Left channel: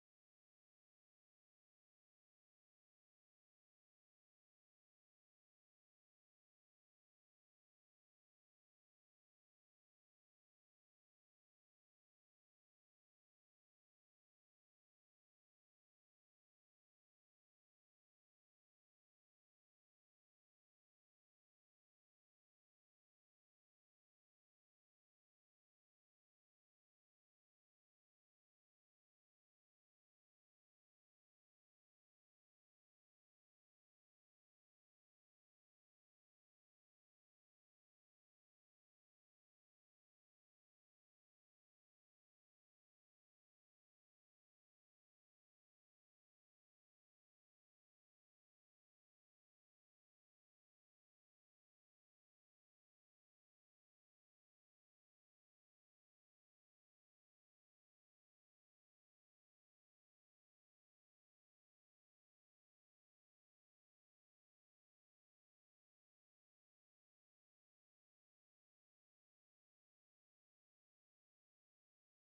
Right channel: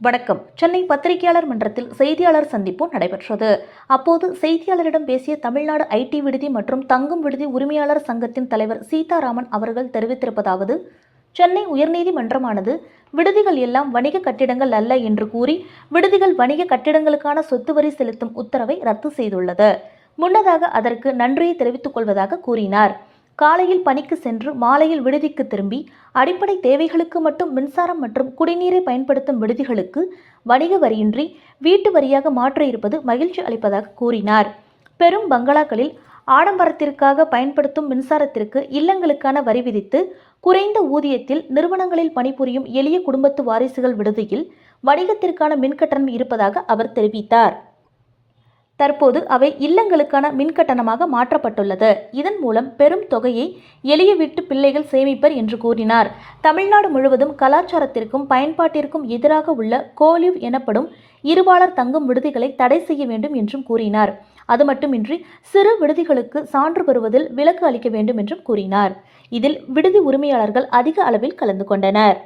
வணக்கம். சென்னை பத்திரிகையாளர் மன்றத்தில் செய்தியாளர் சந்திப்பு நடைபெற்றது. அப்போது செய்தியாளரிடம் பேசிய தமிழ்நாடு ஐடி விடுதி மற்றும் தங்கும் விடுதி உரிமையாளர் சங்கத்தின் தலைவர் சீதாராமன் அவர்கள் தெரிவித்திருப்பதாவது சென்னை உயர்நீதிமன்றமானது விடுதிகள் எல்லாம் வணிக கட்டிடங்கள் அல்ல என்று கூறி விடுதிகள் வணிக கட்டிடங்களுக்கான சொத்து வரி செலுத்தும் உத்தரவை ரத்து செய்துள்ளது. முன்னதாக அதற்கு நன்றியை தெரிவித்துக் கொள்வதாக கூறினார். காலையில் பணிக்கு சென்று மாலையில் விடுதிக்கு திரும்பி அடிப்படை தேவைகளுக்கு மட்டும் மின்சாரம் மற்றும் குடிநீரை பயன்படுத்தும் விடுதிகளுக்கு வணிக வரியின்றி வீட்டு வரியாக மாற்ற இருப்பது மகிழ்ச்சி அளிப்பதாக கூறினார். பெரும் பங்களாக்களில் ஆடம்பரத்திற்காக பயன்படுத்தும் மின்சாரத்திற்கு இல்லங்களுக்கான வரி விதித்து குறைந்த ஊதியத்தில் நிறுவனங்களில் பணிபுரியும் எளிய குடும்பத்து வாரிசுகள் விடுதியில் வணிகத்திற்கான மின்கட்டணம் இருப்பதாக அவர் தெரிவித்தார். தற்போது அவை இல்லங்களுக்கான மின்கட்டணமாக மாற்றப்பட்டுள்ளது. இதன் மூலம் பெரும் தொகையை எளிய வீட்டு பிள்ளைகள் சேமிப்பர் என்று கூறினார். தமிழ்நாடு முழுவதும் கலாச்சாரத்திற்கும் பயன்பாட்டிற்கும் எதிராக உள்ள கோலிவ் எனப்படும் இருவாளர் தங்கும் விடுதிகளை தடை செய்ய வேண்டும் என்றும் கூறினார். அது மட்டுமின்றி சிறு விடுதிகளுக்கு சான்று பெறுவதில் விலக்கு அளிக்க வேண்டும் என்றும் கூறினார். இதில் விடுதி உரிமையாளர்கள் அதிக அளவில் கலந்து கொண்டனர்.